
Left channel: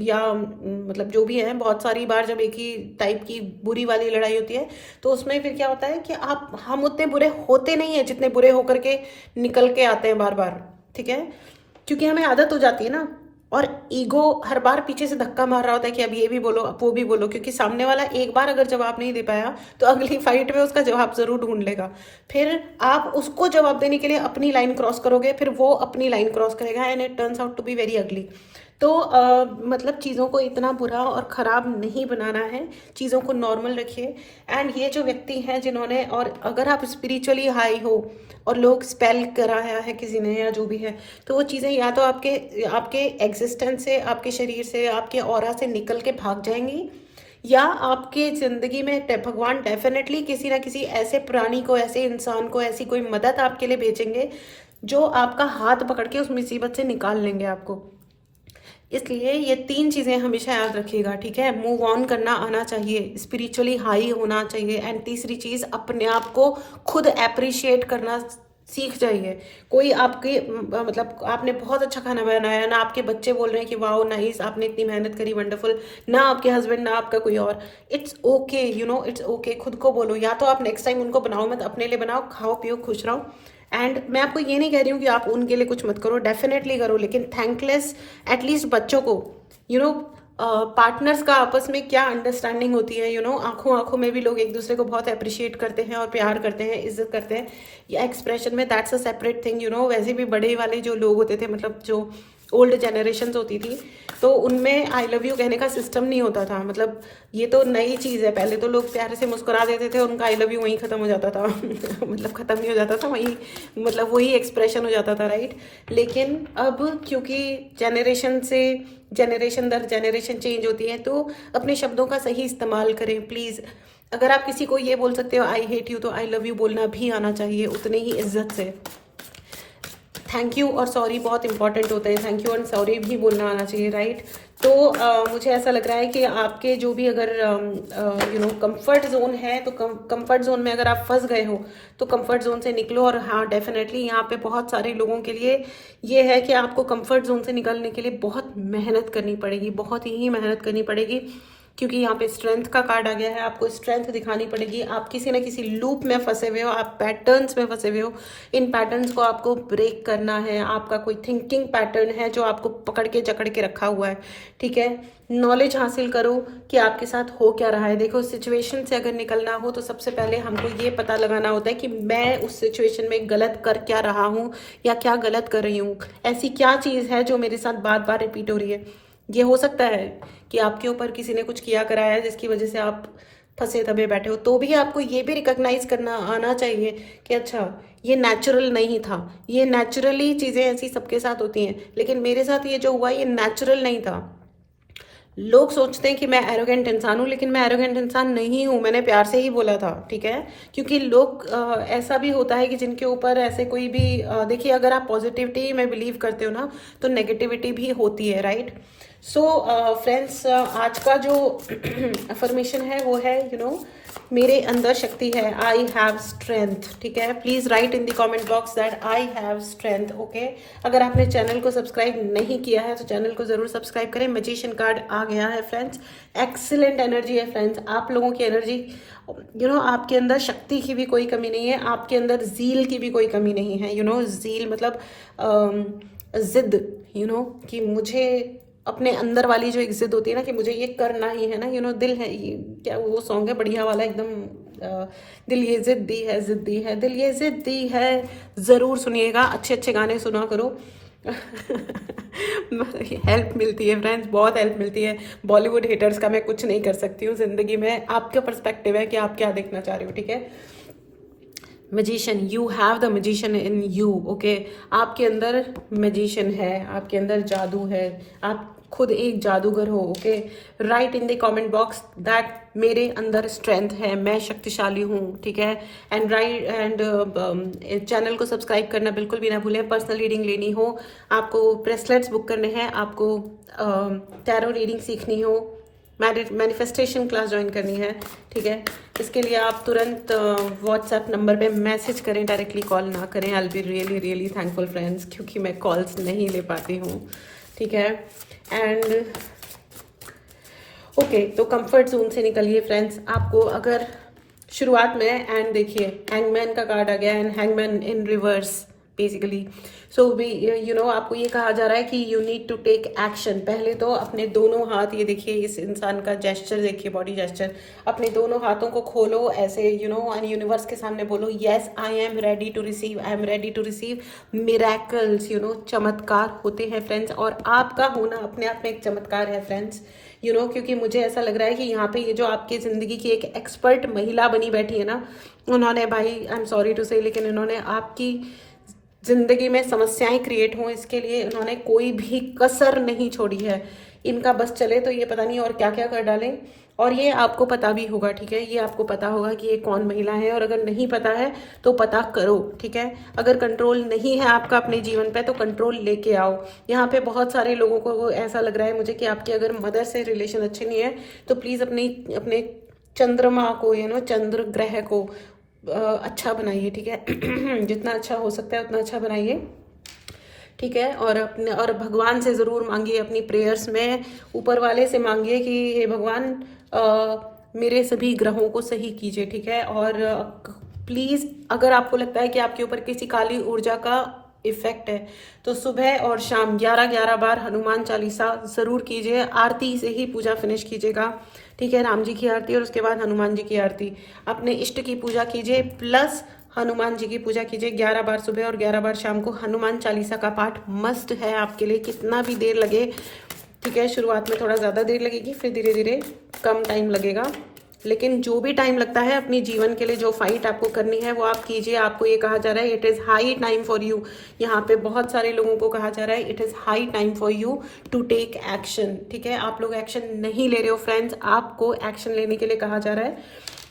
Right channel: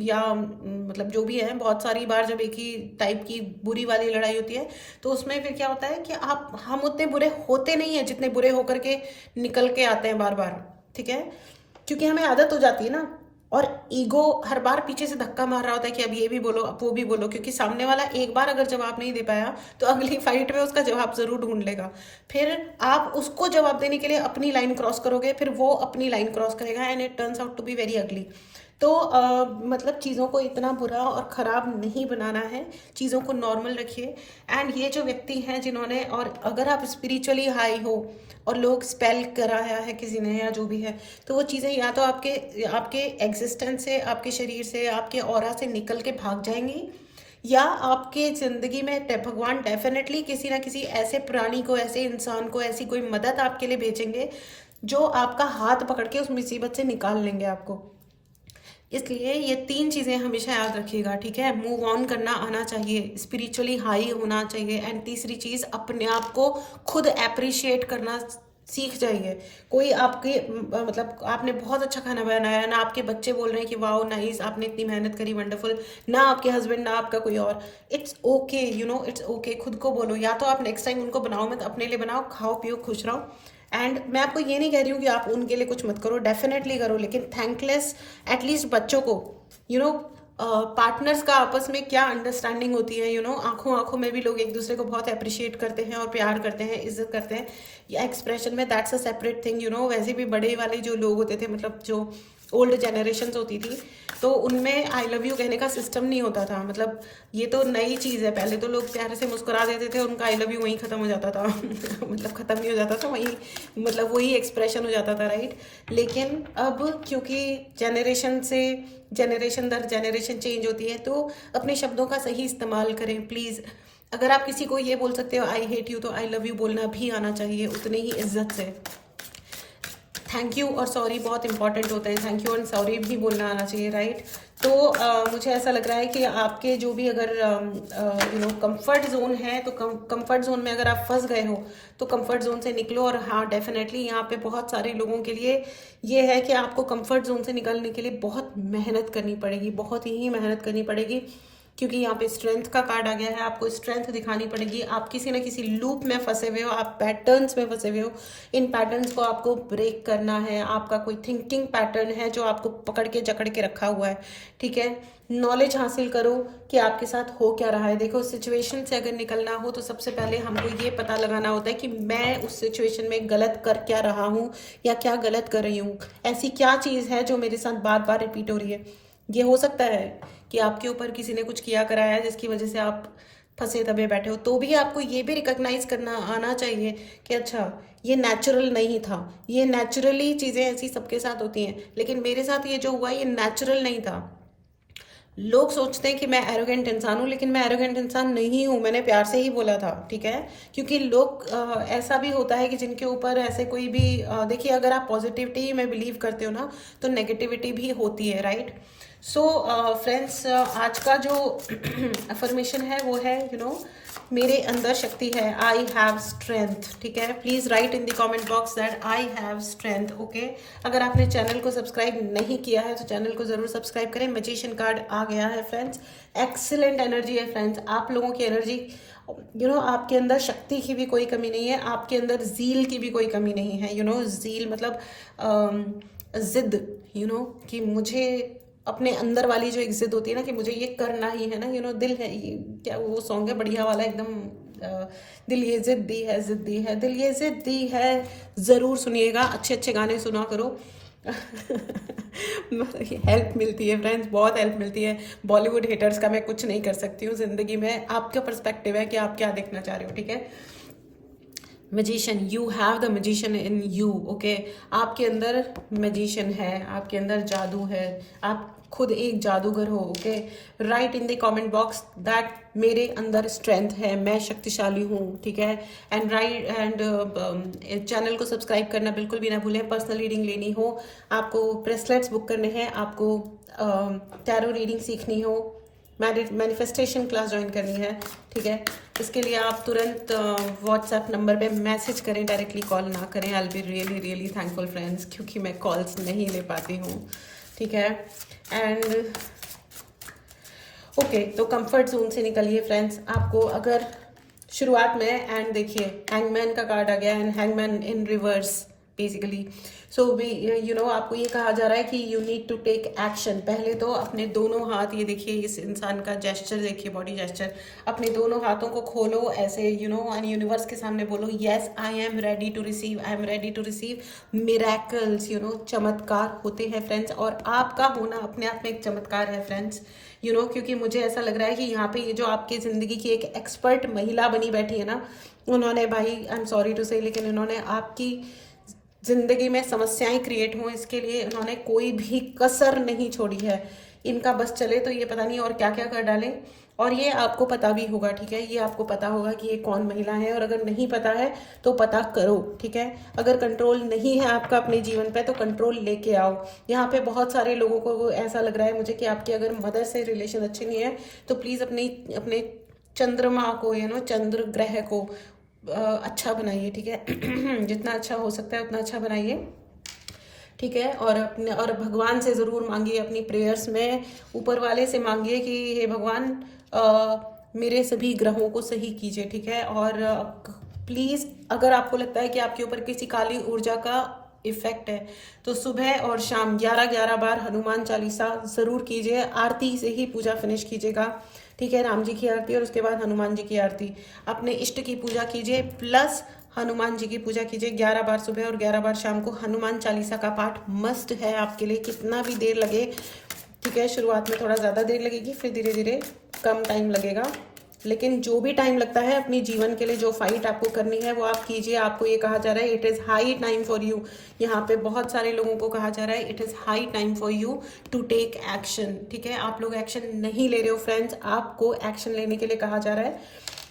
या मतलब जो भी है, बहुत सारी बार जब एक ही टाइप की बुरी वाली लड़ाई होती है, तो उसमें फिर क्या होता है कि आप हम उतने बुरे होते नहीं हैं जितने बुरे होकर के निकल के आते हैं बार बार, ठीक है, क्योंकि हमें आदत हो जाती है ना। और ईगो हर बार पीछे से धक्का मार रहा होता है कि अब ये भी बोलो, अब वो भी बोलो, क्योंकि सामने वाला एक बार अगर जवाब नहीं दे पाया तो अगली फाइट में उसका जवाब जरूर ढूंढ लेगा। फिर आप उसको जवाब देने के लिए अपनी लाइन क्रॉस करोगे, फिर वो अपनी लाइन क्रॉस करेगा, and it turns out to be very ugly. तो मतलब चीज़ों को इतना बुरा और ख़राब नहीं बनाना है, चीज़ों को नॉर्मल रखिए। एंड ये जो व्यक्ति हैं जिन्होंने, और अगर आप स्पिरिचुअली हाई हो और लोग स्पेल कराया है किसी ने या जो भी है, तो वो चीज़ें या तो आपके आपके एग्जिस्टेंस से, आपके शरीर से, आपके ऑरा से निकल के भाग जाएंगी, या आपके ज़िंदगी में भगवान डेफिनेटली किसी ना किसी ऐसे प्राणी को, ऐसे इंसान को, ऐसी कोई मदद आपके लिए भेजेंगे जो आपका हाथ पकड़ के उस मुसीबत से निकाल लेंगे आपको। इसलिए ये 3 चीज़ें हमेशा याद रखिएगा, ठीक है। मूव ऑन करना आना चाहिए, स्पिरिचुअली हाई होना चाहिए, एंड तीसरी चीज़, अपने आप को खुद अप्रिशिएट करना सीख जाइए। कोई आपके मतलब आपने बहुत अच्छा खाना बनाया ना, आपके बच्चे बोल रहे हैं कि वाओ नाइस, आपने इतनी मेहनत करी, वंडरफुल, ना आपके हस्बैंड ना आपका कोई और, it's okay, you know, it's okay. खुद को बोलो, या तो आप नेक्स्ट टाइम उनको बनाओ मत, अपने लिए बनाओ, खाओ पियो खुश रहो। एंड मैं आपको ये नहीं कह रही हूँ कि आप उनके लिए कुछ मत करो, डेफिनेटली करो, लेकिन थैंकलेस एटलीस्ट बच्चों को, यू नो, पार्टनर्स का आपस में क्या अंडरस्टैंडिंग होती है, यू नो, आंखों आंखों में भी लोग एक दूसरे को बहुत अप्रिशिएट करते हैं और प्यार करते हैं, इज्जत करते हैं, या एक्सप्रेशन में, that's a separate thing, you know. वैसे भी बड़े वाले जो लोग होते थे, मतलब जो ओल्ड जनरेशन होती थी, तो उनमें आई लव यू कहने का सिस्टम नहीं होता था, मतलब ये तो नई चीज़ है। पहले तो लोग प्यारे से मुस्कुरा देते थे और उनका आई लव यू वहीं ख़त्म हो जाता था मतलब ख़त्म नहीं हो जाता था वहीं, मतलब वही एक्सप्रेशन हो जाता था, राइट। लेकिन अब क्योंकि जनरेशन से जनरेशन दर जनरेशन चेंज होती है, तो अपने शब्दों का सही इस्तेमाल करें प्लीज़। अगर आप किसी को ये बोल सकते हो आई हेट यू, तो आई लव यू बोलना भी आना चाहिए उतने ही इज्जत से। थैंक यू और सॉरी बहुत इंपॉर्टेंट होते हैं, थैंक यू और सॉरी भी बोलना आना चाहिए, राइट। तो मुझे ऐसा लग रहा है कि आपके जो भी अगर यू नो कंफर्ट जोन है, तो कंफर्ट जोन में अगर आप फंस गए हो तो कंफर्ट जोन से निकलो। और हाँ, डेफिनेटली यहाँ पे बहुत सारे लोगों के लिए ये है कि आपको कंफर्ट जोन से निकलने के लिए बहुत मेहनत करनी पड़ेगी, बहुत ही मेहनत करनी पड़ेगी, क्योंकि यहाँ पे स्ट्रेंथ का कार्ड आ गया है। आपको स्ट्रेंथ दिखानी पड़ेगी, आप किसी ना किसी लूप में फंसे हुए हो, आप पैटर्न्स में फंसे हुए हो, इन पैटर्न्स को आपको ब्रेक करना है। आपका कोई थिंकिंग पैटर्न है जो आपको पकड़ के जकड़ के रखा हुआ है, ठीक है। नॉलेज हासिल करो कि आपके साथ हो क्या रहा है। देखो, सिचुएशन से अगर निकलना हो तो सबसे पहले हमको ये पता लगाना होता है कि मैं उस सिचुएशन में गलत कर क्या रहा हूँ या क्या गलत कर रही हूँ, ऐसी क्या चीज़ है जो मेरे साथ बार बार रिपीट हो रही है। ये हो सकता है कि आपके ऊपर किसी ने कुछ किया कराया है जिसकी वजह से आप फंसे दबे बैठे हो, तो भी आपको ये भी रिकॉग्नाइज करना आना चाहिए कि अच्छा, ये नेचुरल नहीं था। ये नेचुरली चीज़ें ऐसी सबके साथ होती हैं, लेकिन मेरे साथ ये जो हुआ ये नेचुरल नहीं था। लोग सोचते हैं कि मैं एरोगेंट इंसान हूँ, लेकिन मैं एरोगेंट इंसान नहीं हूँ, मैंने प्यार से ही बोला था, ठीक है। क्योंकि लोग ऐसा भी होता है कि जिनके ऊपर ऐसे कोई भी देखिए, अगर आप पॉजिटिविटी में बिलीव करते हो ना, तो नेगेटिविटी भी होती है, राइट। सो फ्रेंड्स, आज का जो अफर्मेशन है वो है, यू नो, मेरे अंदर शक्ति है, आई हैव स्ट्रेंथ, ठीक है। Please right in the comment box that I have strength, okay. अगर आपने चैनल को सब्सक्राइब नहीं किया है तो चैनल को जरूर सब्सक्राइब करें। मैजिशियन कार्ड आ गया है फ्रेंड्स, एक्सीलेंट एनर्जी है फ्रेंड्स, आप लोगों की एनर्जी, यू नो, आपके अंदर शक्ति की भी कोई कमी नहीं है, आपके अंदर जील की भी कोई कमी नहीं है, यू नो। जील मतलब जिद, यू नो, कि मुझे अपने अंदर वाली जो एक जिद होती है ना कि मुझे ये करना ही है ना, यू नो। दिल है ये, क्या वो सॉन्ग है बढ़िया वाला एकदम, दिल ये जिद्दी है, जिद्दी है, दिल ये जिद्दी है, ज़रूर सुनिएगा, अच्छे अच्छे गाने सुना करो हेल्प मिलती है फ्रेंड्स, बहुत हेल्प मिलती है। बॉलीवुड हेटर्स का मैं कुछ नहीं कर सकती हूँ ज़िंदगी में, आपका पर्सपेक्टिव है कि आप क्या देखना चाह रहे हो, ठीक है। Magician, you have the magician in you, okay. आपके अंदर मैजिशियन है, आपके अंदर जादू है, आप खुद एक जादूगर हो, okay. Right in the comment box that मेरे अंदर स्ट्रेंथ है, मैं शक्तिशाली हूँ, ठीक है। एंड राइट एंड चैनल को सब्सक्राइब करना बिल्कुल भी ना भूलें। पर्सनल रीडिंग लेनी हो, आपको ब्रेसलेट्स बुक करने हैं, आपको टैरो रीडिंग सीखनी हो, मैनिफेस्टेशन क्लास ज्वाइन करनी है, ठीक है, इसके लिए आप तुरंत व्हाट्सएप नंबर पे मैसेज करें, डायरेक्टली कॉल ना करें। I will be really really thankful friends, क्योंकि मैं कॉल्स नहीं ले पाती हूँ, ठीक है। एंड ओके, तो कंफर्ट जोन से निकलिए फ्रेंड्स। आपको अगर शुरुआत में, एंड देखिए हैंगमैन का कार्ड आ गया, and hangman in reverse basically. So भी आपको ये कहा जा रहा है कि you need to take action. पहले तो अपने दोनों हाथ, ये देखिए इस इंसान का जेस्चर देखिए, बॉडी जेस्चर, अपने दोनों हाथों को खोलो ऐसे, यूनिवर्स के सामने बोलो, yes I am ready to receive, I am ready to receive miracles. चमत्कार होते हैं फ्रेंड्स, और आपका होना अपने आप में एक चमत्कार है फ्रेंड्स। क्योंकि मुझे ऐसा लग रहा है कि यहाँ पे ये जो आपकी जिंदगी की एक एक्सपर्ट महिला बनी बैठी है ना, उन्होंने, भाई आई एम सॉरी टू से, लेकिन उन्होंने आपकी जिंदगी में समस्याएं क्रिएट हों इसके लिए उन्होंने कोई भी कसर नहीं छोड़ी है। इनका बस चले तो ये पता नहीं और क्या क्या कर डालें, और ये आपको पता भी होगा, ठीक है। ये आपको पता होगा कि ये कौन महिला है, और अगर नहीं पता है तो पता करो, ठीक है। अगर कंट्रोल नहीं है आपका अपने जीवन पे तो कंट्रोल लेके आओ। यहाँ पे बहुत सारे लोगों को ऐसा लग रहा है मुझे कि आपके अगर मदर से रिलेशन अच्छे नहीं है तो प्लीज अपने चंद्रमा को, चंद्र ग्रह को अच्छा बनाइए, ठीक है। जितना अच्छा हो सकता है उतना अच्छा बनाइए, ठीक है। और भगवान से ज़रूर मांगिए अपनी प्रेयर्स में, ऊपर वाले से मांगिए कि हे भगवान मेरे सभी ग्रहों को सही कीजिए, ठीक है। और प्लीज़ अगर आपको लगता है कि आपके ऊपर किसी काली ऊर्जा का इफेक्ट है तो सुबह और शाम 11-11 बार हनुमान चालीसा ज़रूर कीजिए। आरती से ही पूजा फिनिश कीजिएगा, ठीक है। राम जी की आरती और उसके बाद हनुमान जी की आरती। अपने इष्ट की पूजा कीजिए प्लस हनुमान जी की पूजा कीजिए 11 बार सुबह और 11 बार शाम को। हनुमान चालीसा का पाठ मस्ट है आपके लिए, कितना भी देर लगे, ठीक है। शुरुआत में थोड़ा ज़्यादा देर लगेगी, फिर धीरे धीरे कम टाइम लगेगा, लेकिन जो भी टाइम लगता है अपने जीवन के लिए जो फाइट आपको करनी है वो आप कीजिए। आपको ये कहा जा रहा है it is high time for you. यहाँ पे बहुत सारे लोगों को कहा जा रहा है it is high time for you to take action, ठीक है। आप लोग एक्शन नहीं ले रहे हो फ्रेंड्स, आपको एक्शन लेने के लिए कहा जा रहा है,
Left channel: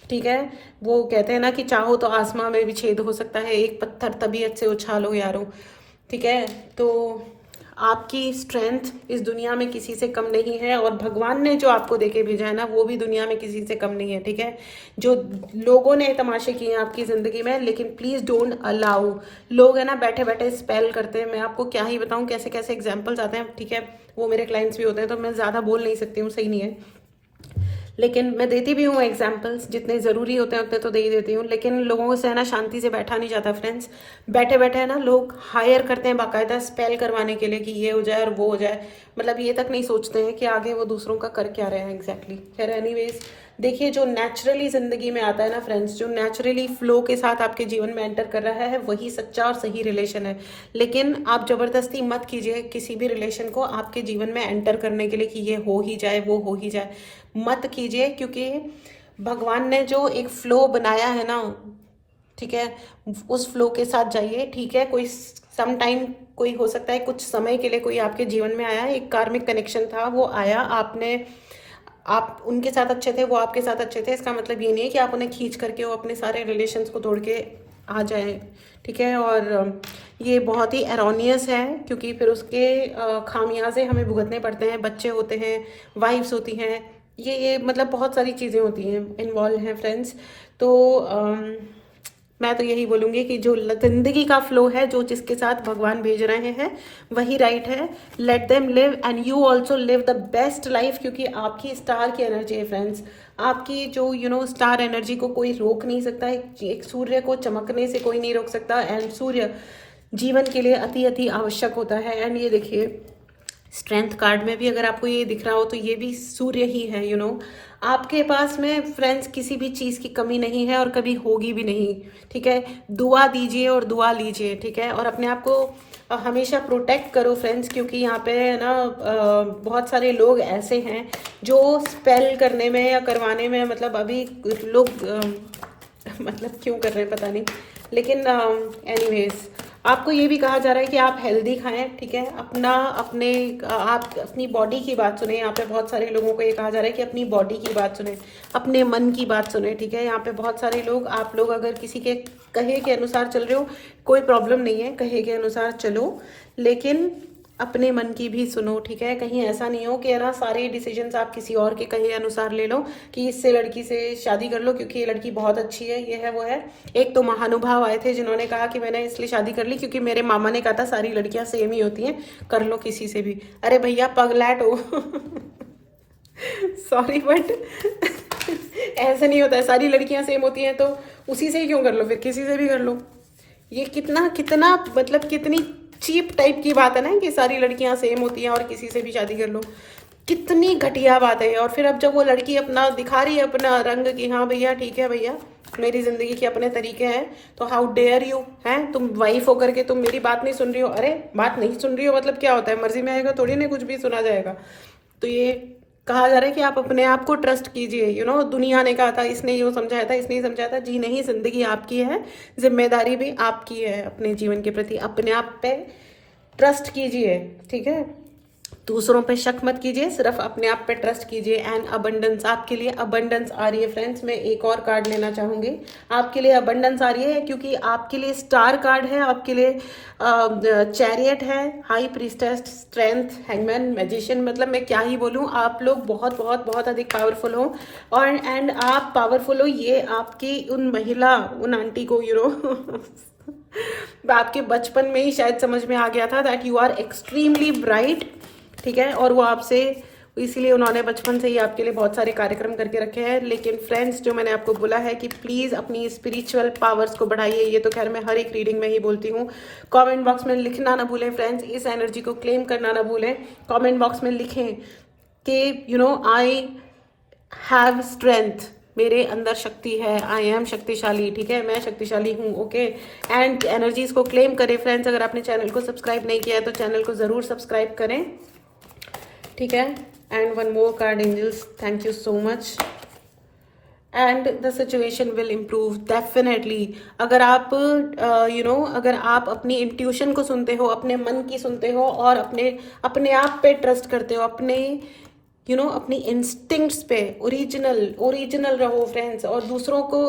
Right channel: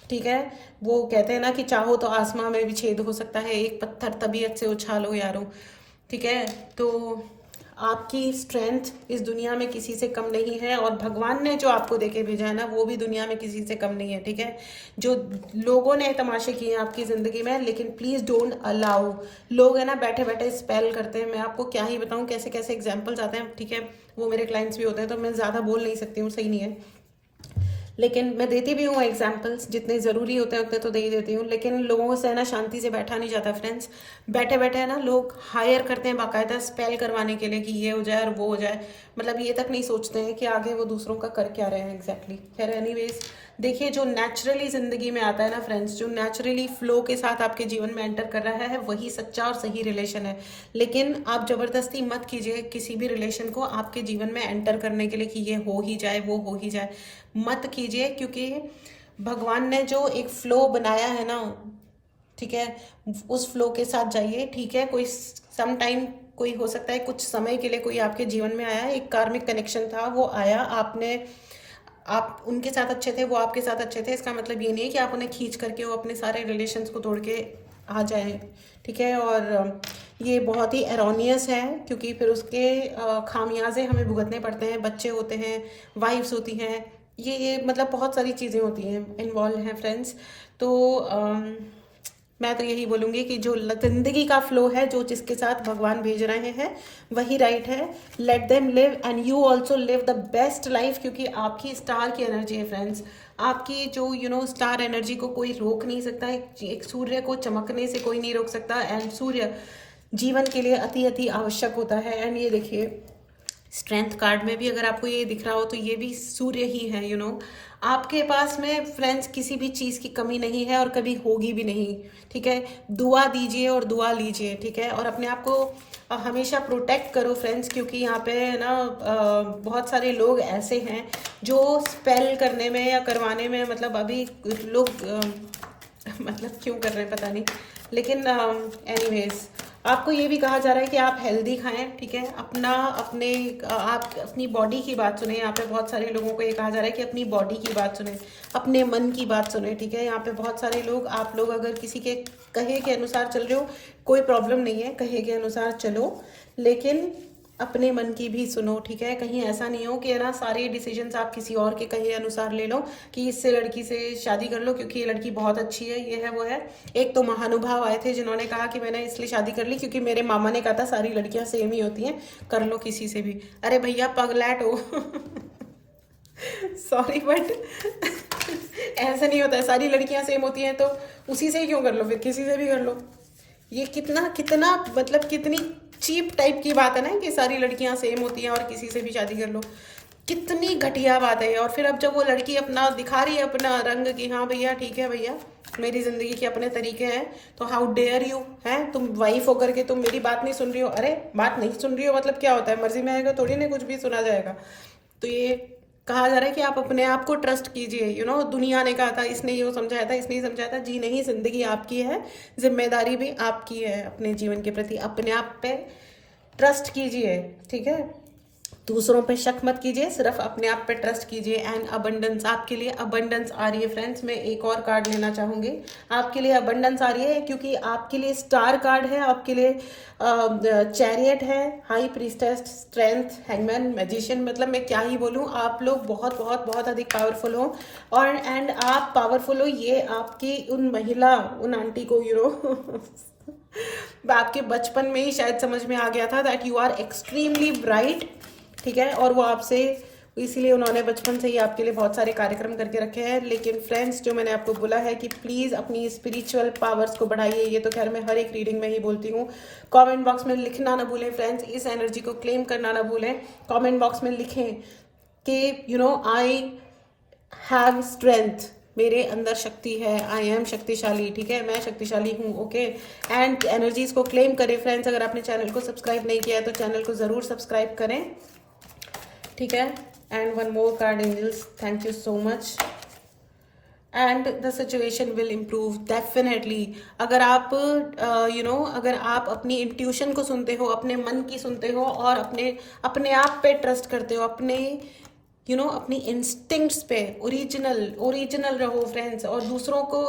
ठीक है। वो कहते हैं ना कि चाहो तो आसमां में भी छेद हो सकता है, एक पत्थर तबीयत से उछालो यारो, ठीक है। तो आपकी स्ट्रेंथ इस दुनिया में किसी से कम नहीं है, और भगवान ने जो आपको देके भेजा है ना वो भी दुनिया में किसी से कम नहीं है, ठीक है। जो लोगों ने तमाशे किए हैं आपकी जिंदगी में, लेकिन प्लीज डोंट अलाउ। लोग है ना बैठे बैठे स्पेल करते हैं, मैं आपको क्या ही बताऊं कैसे कैसे एग्जाम्पल्स आते हैं, ठीक है। वो मेरे क्लाइंट्स भी होते हैं तो मैं ज्यादा बोल नहीं सकती हूँ, सही नहीं है, लेकिन मैं देती भी हूँ एग्जाम्पल्स, जितने ज़रूरी होते हैं उतने तो दे ही देती हूँ। लेकिन लोगों से है ना शांति से बैठा नहीं जाता फ्रेंड्स। बैठे बैठे है ना लोग हायर करते हैं बाकायदा स्पेल करवाने के लिए कि ये हो जाए और वो हो जाए, मतलब ये तक नहीं सोचते हैं कि आगे वो दूसरों का कर क्या रहे हैं एग्जैक्टली। खैर एनीवेज, देखिए जो नेचुरली जिंदगी में आता है ना फ्रेंड्स, जो नेचुरली फ्लो के साथ आपके जीवन में एंटर कर रहा है वही सच्चा और सही रिलेशन है। लेकिन आप जबरदस्ती मत कीजिए किसी भी रिलेशन को आपके जीवन में एंटर करने के लिए कि ये हो ही जाए वो हो ही जाए, मत कीजिए। क्योंकि भगवान ने जो एक फ्लो बनाया है ना, ठीक है, उस फ्लो के साथ जाइए, ठीक है। कोई सम टाइम, कोई हो सकता है कुछ समय के लिए कोई आपके जीवन में आया, एक कार्मिक कनेक्शन था, वो आया, आप उनके साथ अच्छे थे, वो आपके साथ अच्छे थे, इसका मतलब ये नहीं है कि आप उन्हें खींच करके वो अपने सारे रिलेशंस को तोड़ के आ जाए, ठीक है। और ये बहुत ही एरोनियस है, क्योंकि फिर उसके खामियाजे हमें भुगतने पड़ते हैं, बच्चे होते हैं, वाइफ्स होती हैं, ये मतलब बहुत सारी चीज़ें होती हैं, इन्वॉल्व हैं फ्रेंड्स। तो मैं तो यही बोलूँगी कि जो जिंदगी का फ्लो है, जो जिसके साथ भगवान भेज रहे हैं वही राइट है। Let them live and you also live the best life, क्योंकि आपकी स्टार की एनर्जी है फ्रेंड्स। आपकी जो स्टार एनर्जी को कोई रोक नहीं सकता है, एक सूर्य को चमकने से कोई नहीं रोक सकता, एंड सूर्य जीवन के लिए अति अति आवश्यक होता है। एंड ये देखिए स्ट्रेंथ कार्ड में भी अगर आपको ये दिख रहा हो तो ये भी सूर्य ही है। आपके पास में फ्रेंड्स किसी भी चीज़ की कमी नहीं है और कभी होगी भी नहीं, ठीक है। दुआ दीजिए और दुआ लीजिए, ठीक है। और अपने आप को हमेशा प्रोटेक्ट करो फ्रेंड्स, क्योंकि यहाँ पे है ना बहुत सारे लोग ऐसे हैं जो स्पेल करने में या करवाने में, मतलब अभी लोग मतलब क्यों कर रहे हैं पता नहीं, लेकिन एनीवेज आपको ये भी कहा जा रहा है कि आप हेल्दी खाएं, ठीक है। आप अपनी बॉडी की बात सुने। यहाँ पे बहुत सारे लोगों को ये कहा जा रहा है कि अपनी बॉडी की बात सुने, अपने मन की बात सुने, ठीक है। यहाँ पे बहुत सारे लोग, आप लोग अगर किसी के कहे के अनुसार चल रहे हो कोई प्रॉब्लम नहीं है, कहे के अनुसार चलो, लेकिन अपने मन की भी सुनो, ठीक है। कहीं ऐसा नहीं हो कि है ना सारे डिसीजंस आप किसी और के कहे अनुसार ले लो कि इससे लड़की से शादी कर लो क्योंकि ये लड़की बहुत अच्छी है, ये है वो है। एक तो महानुभाव आए थे जिन्होंने कहा कि मैंने इसलिए शादी कर ली क्योंकि मेरे मामा ने कहा था सारी लड़कियां सेम ही होती हैं, कर लो किसी से भी। अरे भैया पगलैट हो सॉरी बट ऐसे नहीं होता है, सारी लड़कियां सेम होती हैं तो उसी से ही क्यों कर लो, फिर किसी से भी कर लो। ये कितना कितना मतलब कितनी चीप टाइप की बात है ना कि सारी लड़कियां सेम होती हैं और किसी से भी शादी कर लो। कितनी घटिया बात है। और फिर अब जब वो लड़की अपना दिखा रही है अपना रंग कि हाँ भैया ठीक है भैया मेरी जिंदगी के अपने तरीके हैं, तो हाउ डेयर यू हैं, तुम वाइफ होकर के तुम मेरी बात नहीं सुन रही हो। अरे बात नहीं सुन रही हो मतलब क्या होता है, मर्जी में आएगा थोड़ी ना कुछ भी सुना जाएगा। तो ये कहा जा रहा है कि आप अपने आप को ट्रस्ट कीजिए। दुनिया ने कहा था, इसने ये समझाया था, इसने ये समझाया था, जी नहीं, जिंदगी आपकी है, जिम्मेदारी भी आपकी है अपने जीवन के प्रति। अपने आप पे ट्रस्ट कीजिए, ठीक है। दूसरों पे शक मत कीजिए, सिर्फ अपने आप पे ट्रस्ट कीजिए। एंड अबंडेंस, आपके लिए अबंडेंस आ रही है फ्रेंड्स। मैं एक और कार्ड लेना चाहूंगी। आपके लिए अबंडेंस आ रही है क्योंकि आपके लिए स्टार कार्ड है, आपके लिए चैरियट है, high priestess, strength, hangman, magician. मतलब मैं क्या ही बोलूं, आप लोग बहुत बहुत बहुत अधिक पावरफुल हो। और एंड आप पावरफुल हो, ये आपकी उन महिला, उन आंटी को आपके बचपन में ही शायद समझ में आ गया था that you are extremely bright, ठीक है। और वो आपसे, इसीलिए उन्होंने बचपन से ही आपके लिए बहुत सारे कार्यक्रम करके रखे हैं। लेकिन फ्रेंड्स, जो मैंने आपको बोला है कि प्लीज अपनी स्पिरिचुअल पावर्स को बढ़ाइए, ये तो खैर मैं हर एक रीडिंग में ही बोलती हूँ। कमेंट बॉक्स में लिखना ना भूलें फ्रेंड्स, इस एनर्जी को क्लेम करना ना भूलें। कमेंट बॉक्स में लिखें कि आई हैव स्ट्रेंथ, मेरे अंदर शक्ति है, आई एम शक्तिशाली, ठीक है, मैं शक्तिशाली हूँ, ओके। एंड एनर्जीज को क्लेम करें फ्रेंड्स। अगर आपने चैनल को सब्सक्राइब नहीं किया है तो चैनल को जरूर सब्सक्राइब करें, ठीक है। And one more card angels, thank you so much. And the situation will improve definitely. अगर आप अगर आप अपनी इंट्यूशन को सुनते हो, अपने मन की सुनते हो और अपने आप पे ट्रस्ट करते हो, अपने अपनी इंस्टिंक्ट्स पे ओरिजिनल रहो फ्रेंड्स। और दूसरों को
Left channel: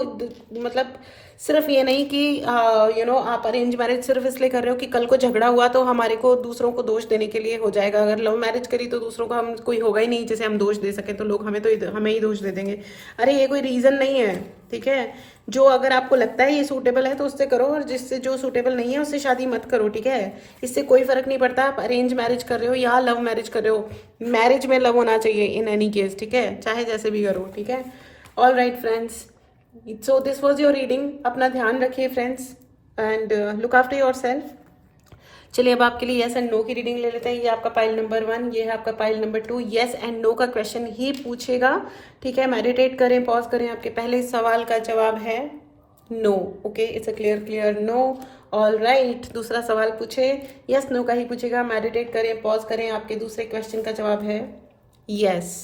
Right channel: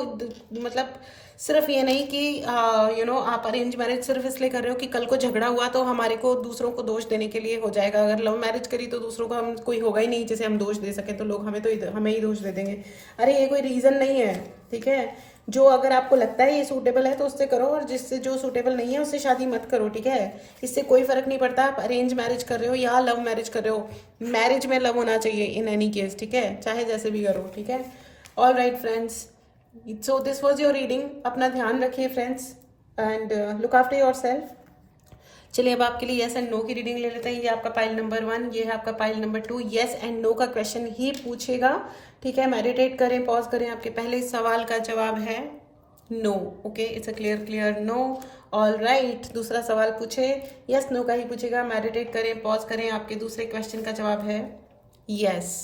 मतलब सिर्फ ये नहीं कि आप अरेंज मैरिज सिर्फ इसलिए कर रहे हो कि कल को झगड़ा हुआ तो हमारे को दूसरों को दोष देने के लिए हो जाएगा। अगर लव मैरिज करी तो दूसरों को हम कोई होगा ही नहीं जिसे हम दोष दे सके, तो लोग हमें ही दोष दे देंगे। अरे ये कोई रीजन नहीं है, ठीक है। जो अगर आपको लगता है ये सूटेबल है तो उससे करो, और जिससे जो सूटेबल नहीं है उससे शादी मत करो, ठीक है। इससे कोई फर्क नहीं पड़ता आप अरेंज मैरिज कर रहे हो या लव मैरिज कर रहे हो, मैरिज में लव होना चाहिए इन एनी केस, ठीक है, चाहे जैसे भी करो, ठीक है। All right friends, so this was your reading. अपना ध्यान रखिए friends and look after your self. चलिए अब आपके लिए यस एंड नो की रीडिंग ले लेते हैं। ये आपका पाइल नंबर 1, ये है आपका pile number 2। Yes and no का क्वेश्चन ही पूछेगा, ठीक है। मेडिटेट करें, पॉज करें। आपके पहले सवाल का जवाब है no, okay, it's a clear no. All right, दूसरा सवाल पूछे, यस नो का ही पूछेगा। मेडिटेट करें, पॉज करें। आपके दूसरे क्वेश्चन का जवाब है यस।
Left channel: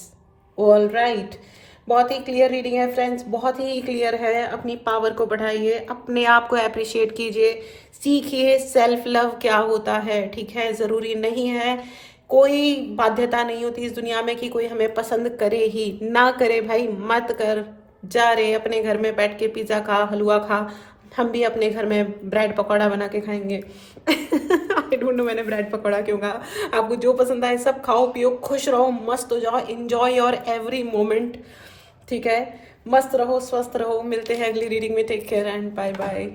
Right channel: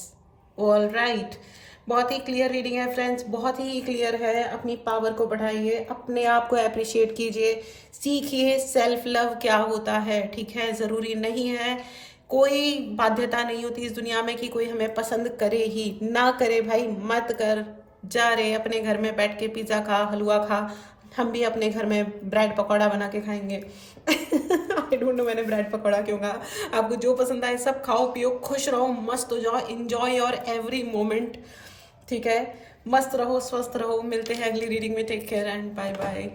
ऑल राइट, बहुत ही क्लियर रीडिंग है फ्रेंड्स, बहुत ही क्लियर है। अपनी पावर को बढ़ाइए, अपने आप को अप्रिशिएट कीजिए, सीखिए सेल्फ लव क्या होता है, ठीक है। जरूरी नहीं है, कोई बाध्यता नहीं होती इस दुनिया में कि कोई हमें पसंद करे ही ना करे। भाई मत कर, जा रहे अपने घर में बैठ के पिज्जा खा, हलवा खा, हम भी अपने घर में ब्रेड पकौड़ा बना के खाएंगे आई डोंट नो मैंने ब्रेड पकौड़ा क्यों कहा। आपको जो पसंद आए सब खाओ पियो, खुश रहो, मस्त हो जाओ, एंजॉय योर एवरी मोमेंट, ठीक है। मस्त रहो, स्वस्थ रहो। मिलते हैं अगली रीडिंग में। Take care and bye bye.